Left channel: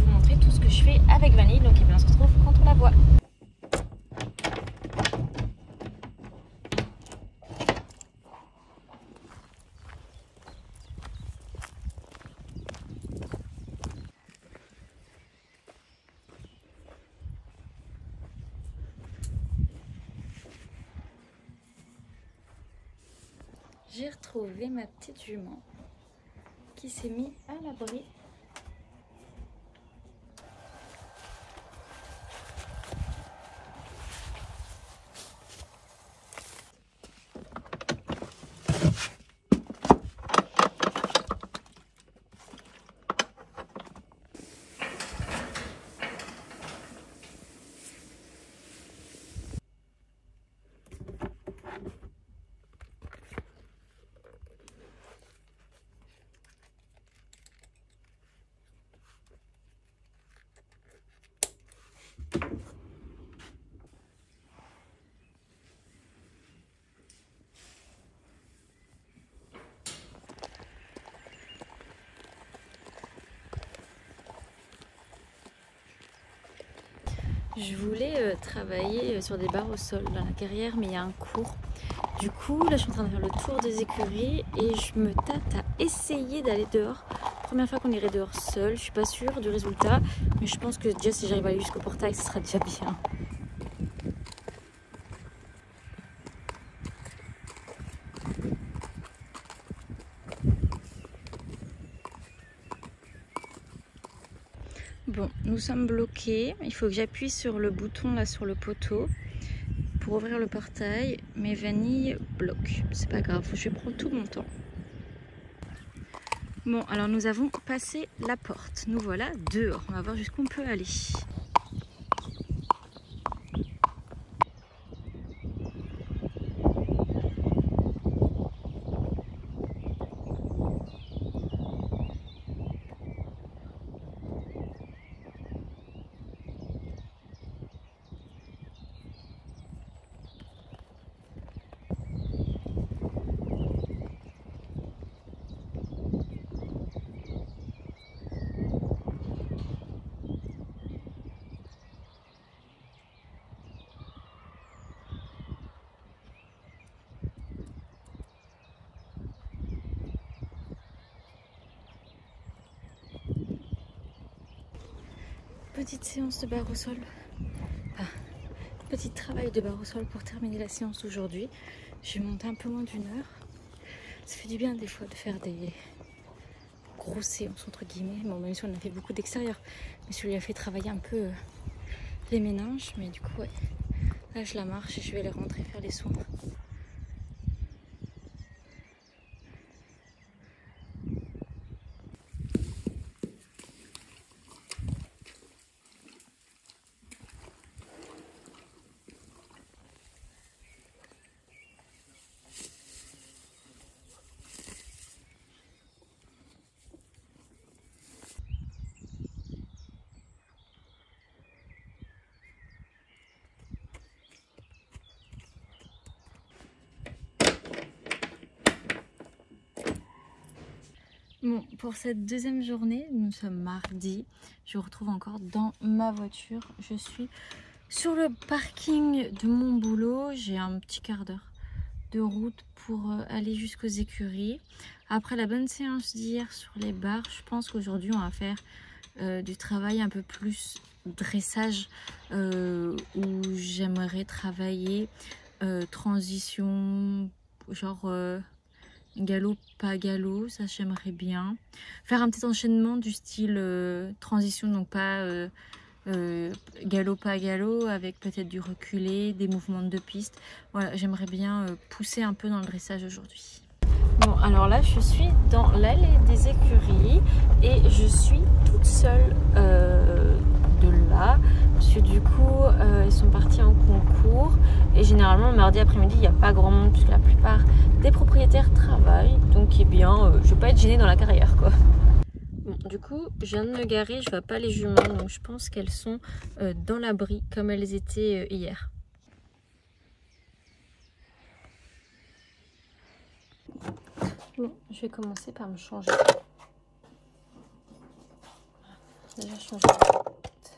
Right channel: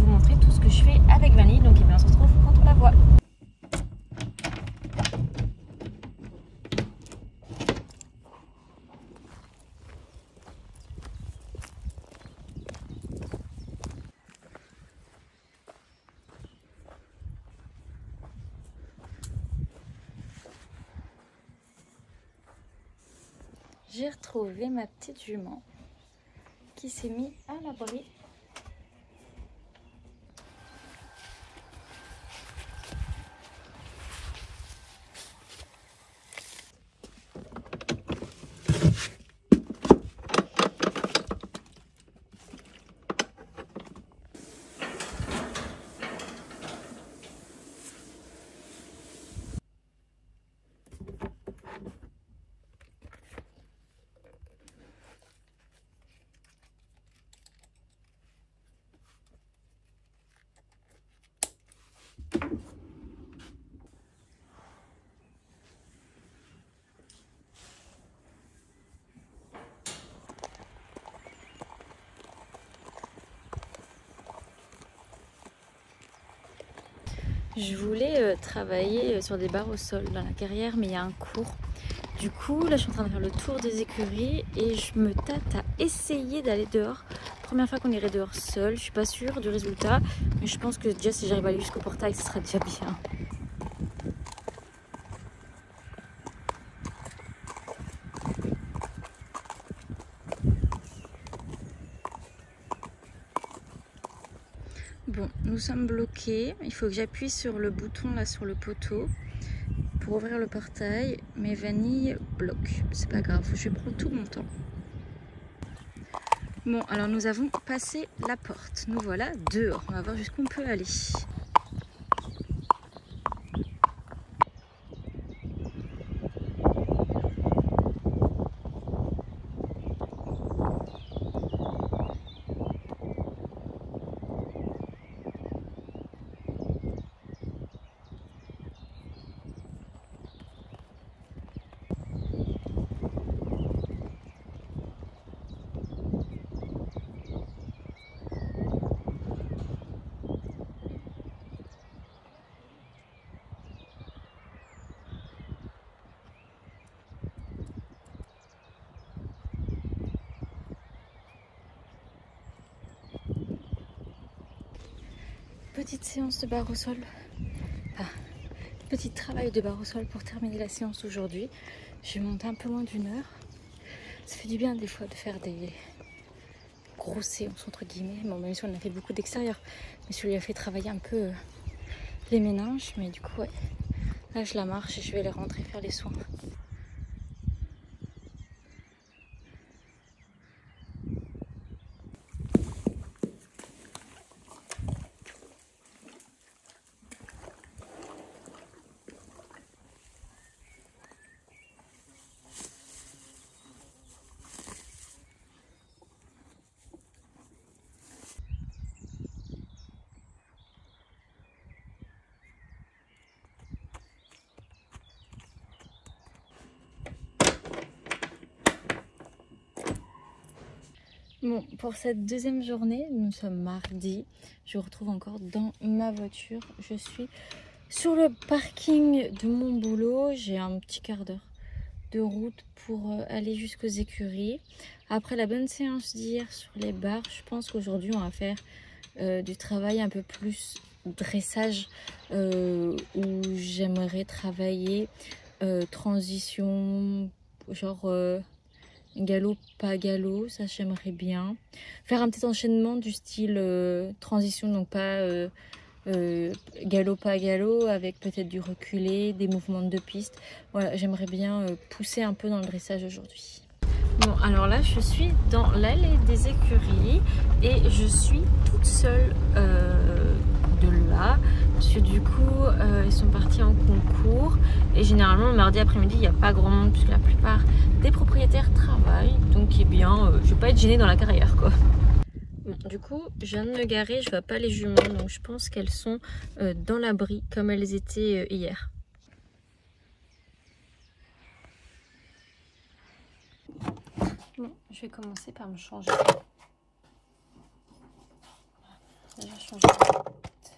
vous montrer tout ce que je fais avec Vanille. Donc eh bien, on se retrouve quand on la voit. J'ai retrouvé ma petite jument qui s'est mise à l'abri. Je voulais travailler sur des barres au sol dans la carrière, mais il y a un cours. Du coup, là, je suis en train de faire le tour des écuries et je me tâte à essayer d'aller dehors. Première fois qu'on irait dehors seul, je suis pas sûre du résultat, mais je pense que déjà si j'arrive à aller jusqu'au portail, ce sera déjà bien. Bon, nous sommes bloqués. Il faut que j'appuie sur le bouton là sur le poteau pour ouvrir le portail. Mais Vanille bloque. C'est pas grave, je vais prendre tout mon temps. Bon, alors nous avons passé la porte. Nous voilà dehors. On va voir jusqu'où on peut aller. Petite séance de barre au sol. Enfin, petit travail de barre au sol pour terminer la séance d'aujourd'hui. Je vais monter un peu moins d'1 heure. Ça fait du bien des fois de faire des grosses séances entre guillemets. Bon, même si on a fait beaucoup d'extérieur, mais celui-là a fait travailler un peu les méninges. Mais du coup, ouais, là je la marche et je vais aller rentrer faire les soins. Bon, pour cette deuxième journée, nous sommes mardi. Je vous retrouve encore dans ma voiture. Je suis sur le parking de mon boulot. J'ai un petit quart d'heure de route pour aller jusqu'aux écuries. Après la bonne séance d'hier sur les barres, je pense qu'aujourd'hui on va faire du travail un peu plus dressage où j'aimerais travailler transition, genre galop pas galop, ça j'aimerais bien faire un petit enchaînement du style transition, donc pas galop pas galop, avec peut-être du reculé, des mouvements de 2 pistes. Voilà, j'aimerais bien pousser un peu dans le dressage aujourd'hui. Bon, alors là je suis dans l'allée des écuries et je suis toute seule de là, parce que du coup ils sont partis en concours et généralement mardi après-midi il n'y a pas grand monde puisque la plupart des propriétaires travaillent, donc eh bien je vais pas être gênée dans la carrière quoi. Bon, du coup je viens de me garer, je vois pas les juments, donc je pense qu'elles sont dans l'abri comme elles étaient hier. Bon, je vais commencer par me changer. Déjà changer de tête.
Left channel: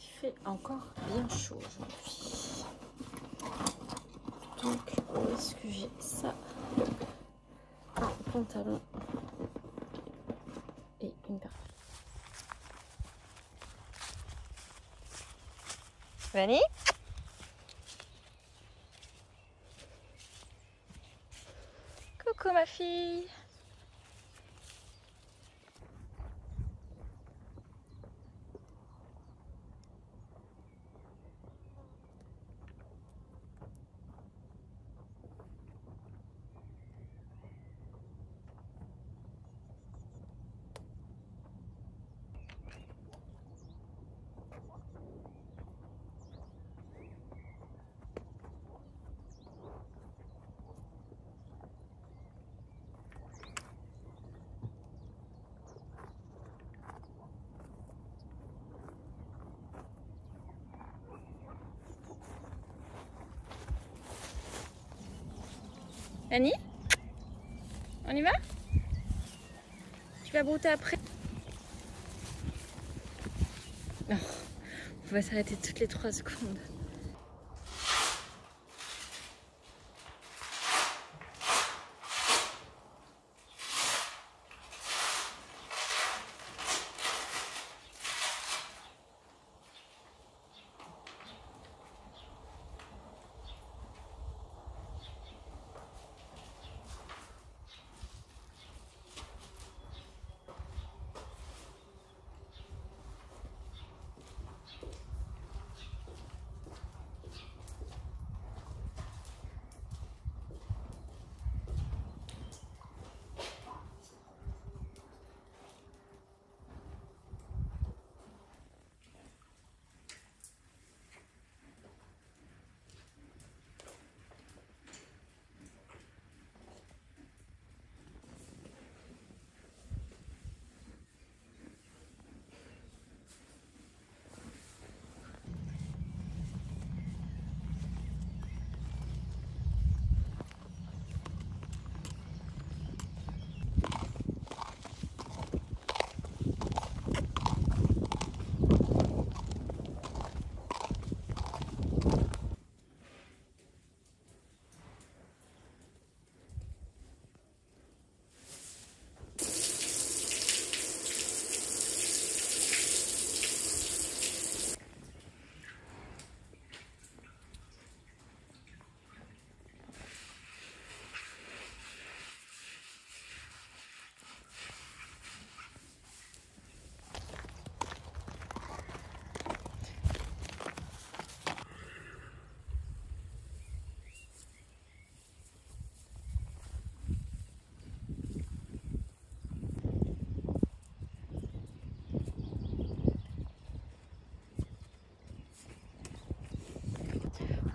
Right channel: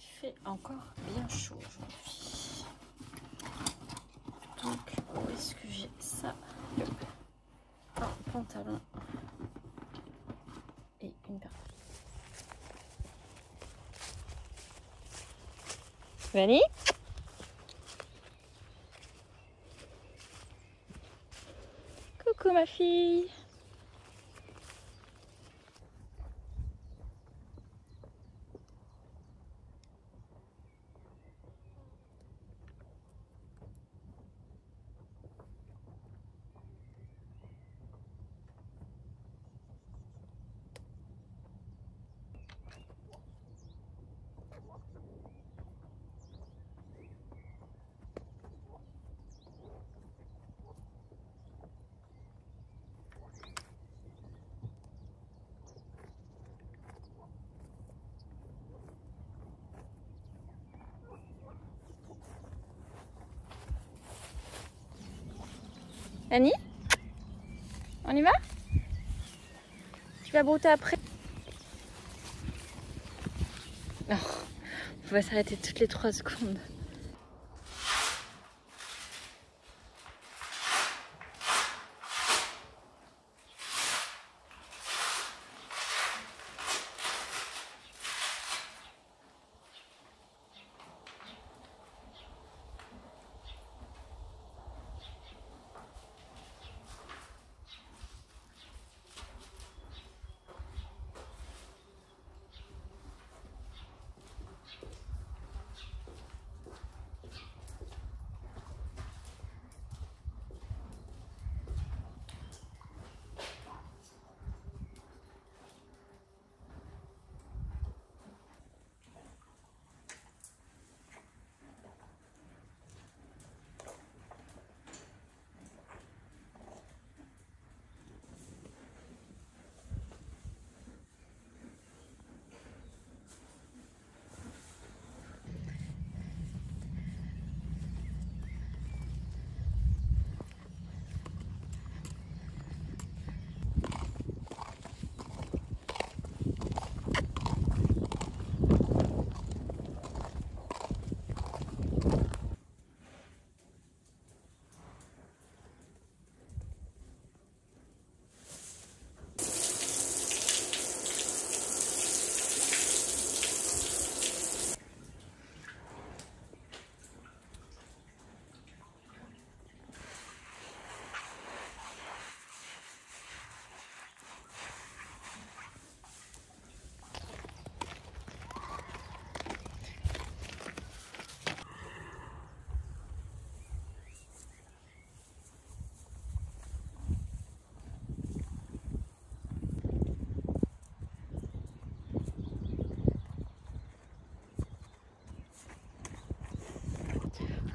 Il fait encore bien chaud aujourd'hui. Donc où est-ce que j'ai ça? Un pantalon et une paire. Vanny? Coucou ma fille. Annie, on y va? Tu vas brouter après? Non, on va s'arrêter toutes les 3 secondes.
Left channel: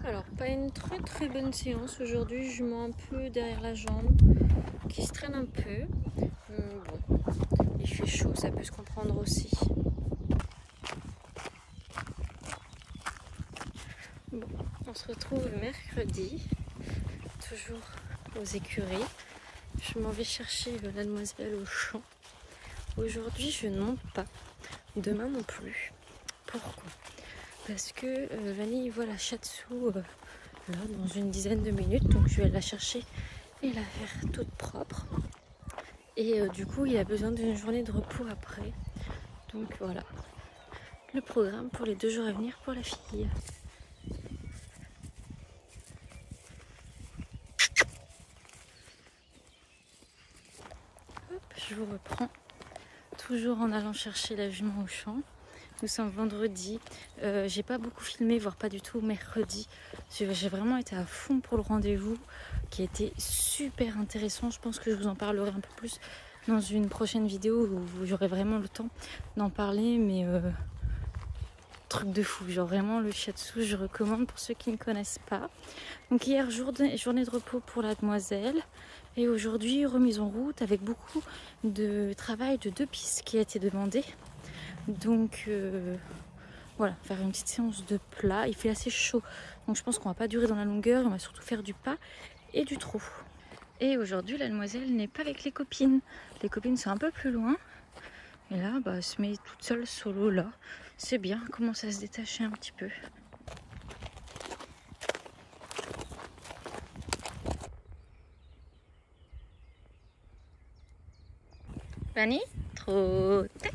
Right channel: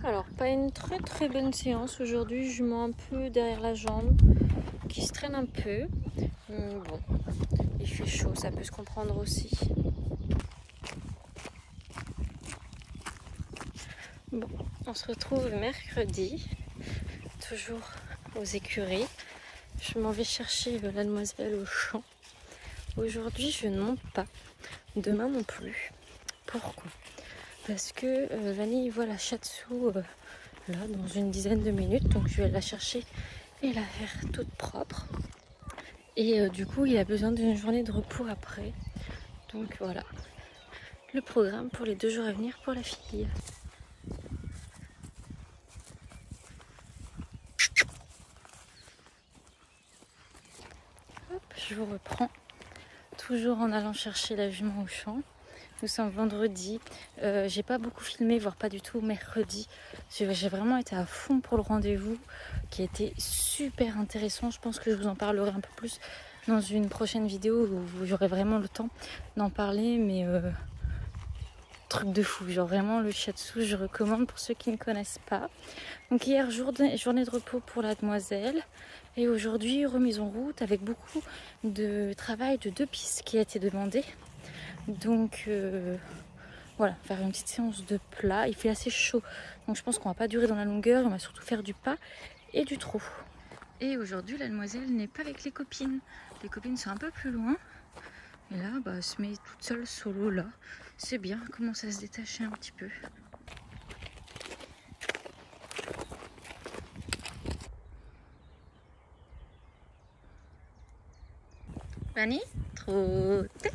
Alors, pas une très bonne séance aujourd'hui. Je mets un peu derrière la jambe qui se traîne un peu. Bon, il fait chaud, ça peut se comprendre aussi. Bon, on se retrouve mercredi, toujours aux écuries. Je m'en vais chercher la demoiselle au champ. Aujourd'hui, je ne monte pas. Demain non plus. Pourquoi? Parce que Vanille voit la Shatsu là dans une dizaine de minutes, donc je vais la chercher et la faire toute propre. Et du coup, il a besoin d'une journée de repos après. Donc voilà le programme pour les 2 jours à venir pour la fille. Hop, je vous reprends, toujours en allant chercher la jument au champ. Nous sommes vendredi, j'ai pas beaucoup filmé, voire pas du tout mercredi. J'ai vraiment été à fond pour le rendez-vous qui a été super intéressant. Je pense que je vous en parlerai un peu plus dans une prochaine vidéo où j'aurai vraiment le temps d'en parler, mais truc de fou, genre vraiment le shiatsu je recommande pour ceux qui ne connaissent pas. Donc hier journée de repos pour la demoiselle et aujourd'hui remise en route avec beaucoup de travail de 2 pistes qui a été demandé. Donc voilà, faire une petite séance de plat. Il fait assez chaud, donc je pense qu'on va pas durer dans la longueur, on va surtout faire du pas et du trou. Et aujourd'hui, la demoiselle n'est pas avec les copines. Les copines sont un peu plus loin. Et là, bah, elle se met toute seule solo là. C'est bien, elle commence à se détacher un petit peu. Fanny, trop tête.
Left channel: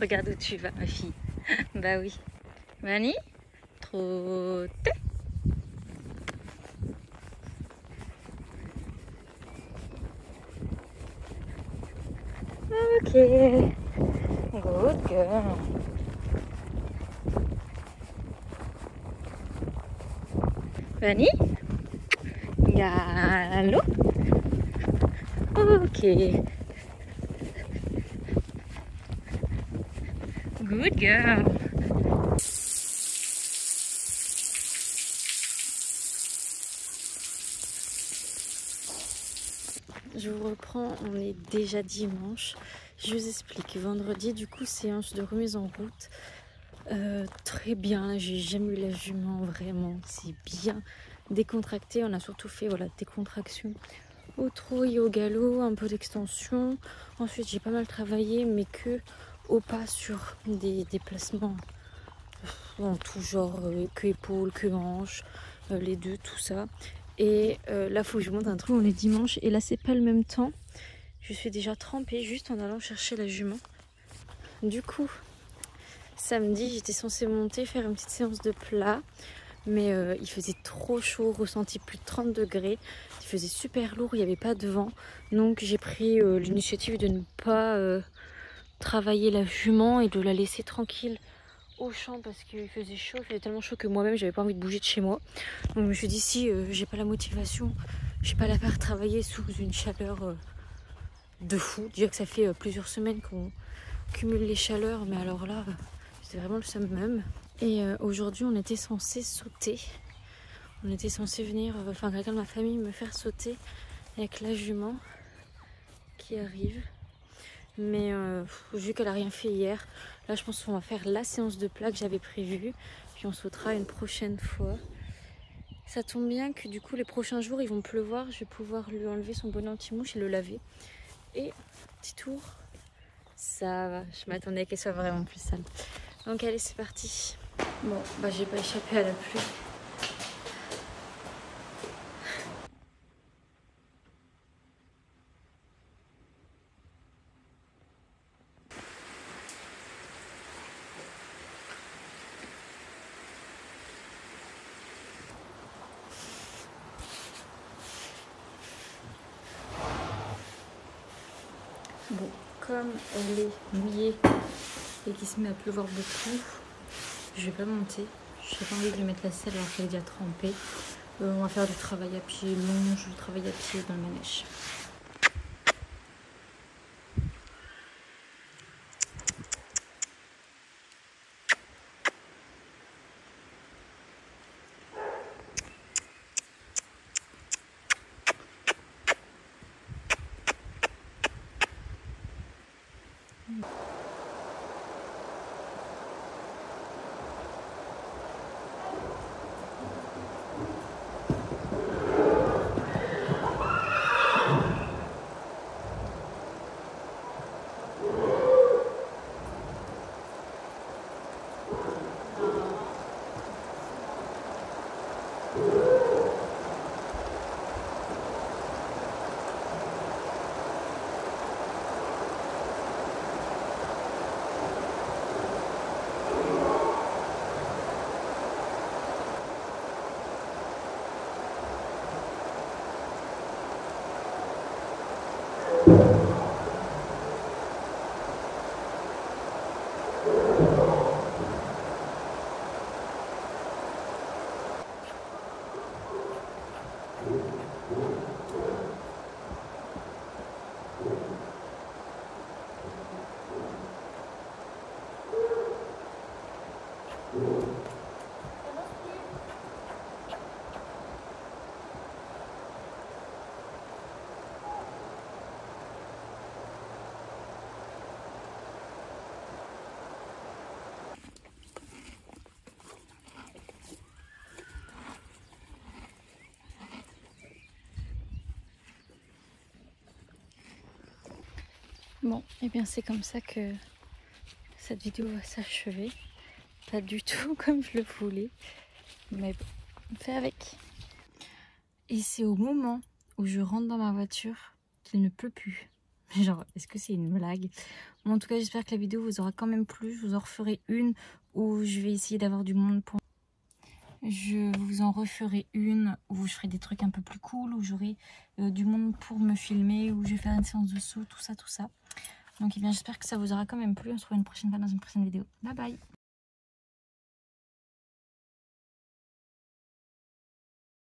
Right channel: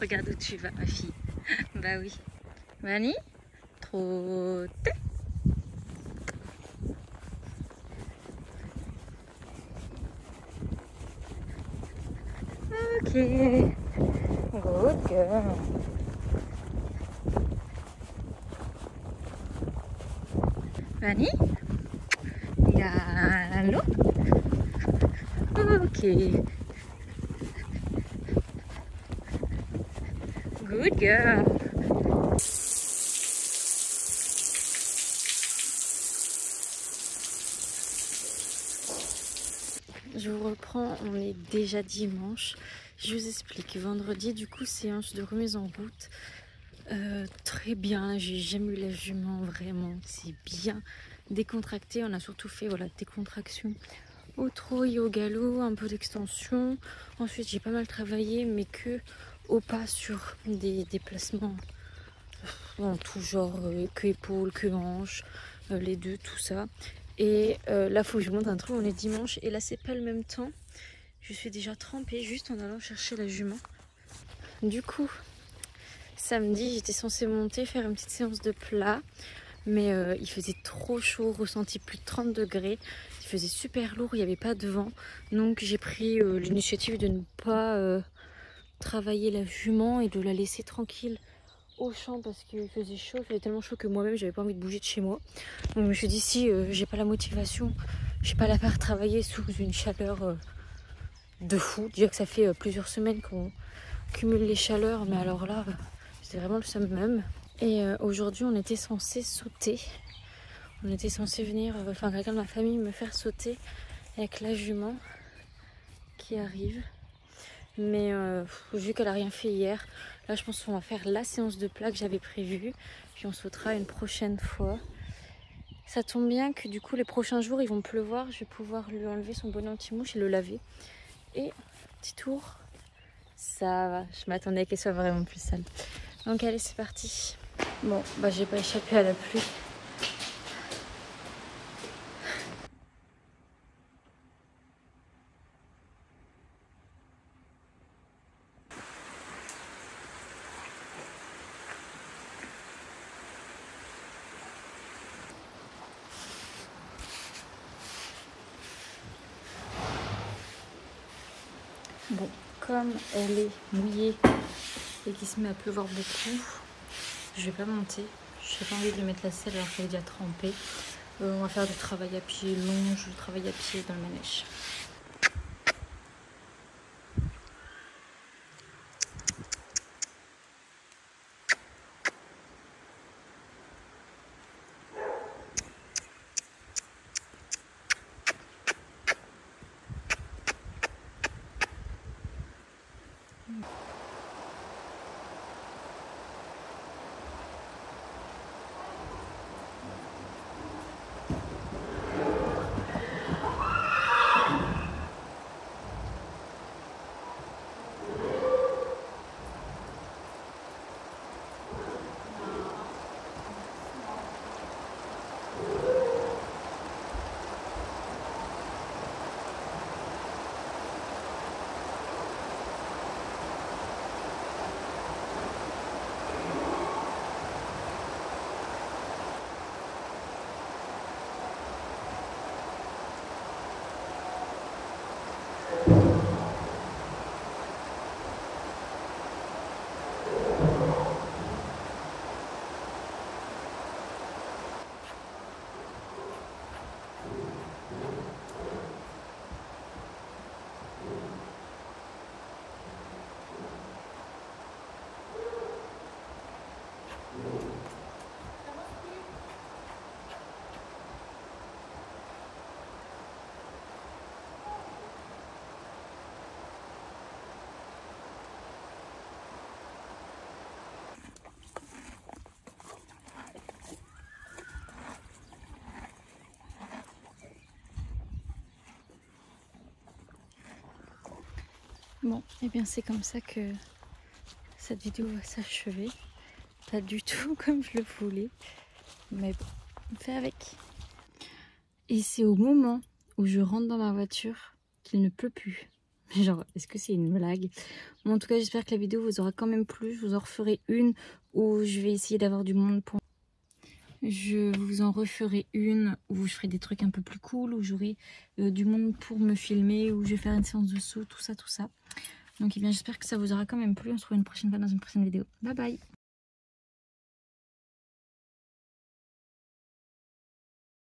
Regarde où tu vas, ma fille. Bah oui. Fanny, trop tête. Ok. Good girl. Fanny, gallo. Ok. Good girl. Je vous reprends, on est déjà dimanche. Je vous explique. Vendredi, du coup, séance de remise en route. Très bien, j'ai jamais eu la jument, vraiment. C'est bien décontracté. On a surtout fait voilà, des contractions au trot et au galop, un peu d'extension. Ensuite, j'ai pas mal travaillé, mais que au pas sur des déplacements en tout genre, que épaules, que hanches, les deux, tout ça. Et là, faut que je vous montre un truc, on est dimanche et là, c'est pas le même temps. Je suis déjà trempée juste en allant chercher la jument. Du coup, samedi, j'étais censée monter, faire une petite séance de plat. Mais il faisait trop chaud, ressenti plus de 30 degrés. Il faisait super lourd, il n'y avait pas de vent. Donc j'ai pris l'initiative de ne pas travailler la jument et de la laisser tranquille au champ parce qu'il faisait chaud. Il faisait tellement chaud que moi-même, j'avais pas envie de bouger de chez moi. Donc je me suis dit, si j'ai pas la motivation, je vais pas la faire travailler sous une chaleur de fou. Déjà que ça fait plusieurs semaines qu'on cumule les chaleurs, mais alors là, c'était vraiment le summum. Et aujourd'hui, on était censé sauter. On était censé venir, enfin quelqu'un de ma famille me faire sauter avec la jument qui arrive. Mais vu qu'elle a rien fait hier, là je pense qu'on va faire la séance de plat que j'avais prévue. Puis on sautera une prochaine fois. Ça tombe bien que du coup les prochains jours ils vont pleuvoir. Je vais pouvoir lui enlever son bonnet anti-mouche et le laver. Et petit tour, ça va. Je m'attendais qu'elle soit vraiment plus sale. Donc allez, c'est parti. Bon, bah j'ai pas échappé à la pluie. Bon, comme elle est mouillée et qu'il se met à pleuvoir beaucoup, je vais pas monter. J'ai pas envie de lui mettre la selle alors qu'elle est déjà trempée. On va faire du travail à pied long, je travaille à pied dans le manège. Bon, et bien c'est comme ça que cette vidéo va s'achever. Pas du tout comme je le voulais, mais bon, on fait avec. Et c'est au moment où je rentre dans ma voiture qu'il ne pleut plus. Genre, est-ce que c'est une blague? Bon, en tout cas, j'espère que la vidéo vous aura quand même plu. Je vous en referai une où je vais essayer d'avoir du monde pour... Je vous en referai une où je ferai des trucs un peu plus cool, où j'aurai du monde pour me filmer, où je vais faire une séance de saut, tout ça, tout ça. Donc, eh bien, j'espère que ça vous aura quand même plu. On se retrouve une prochaine fois dans une prochaine vidéo. Bye bye!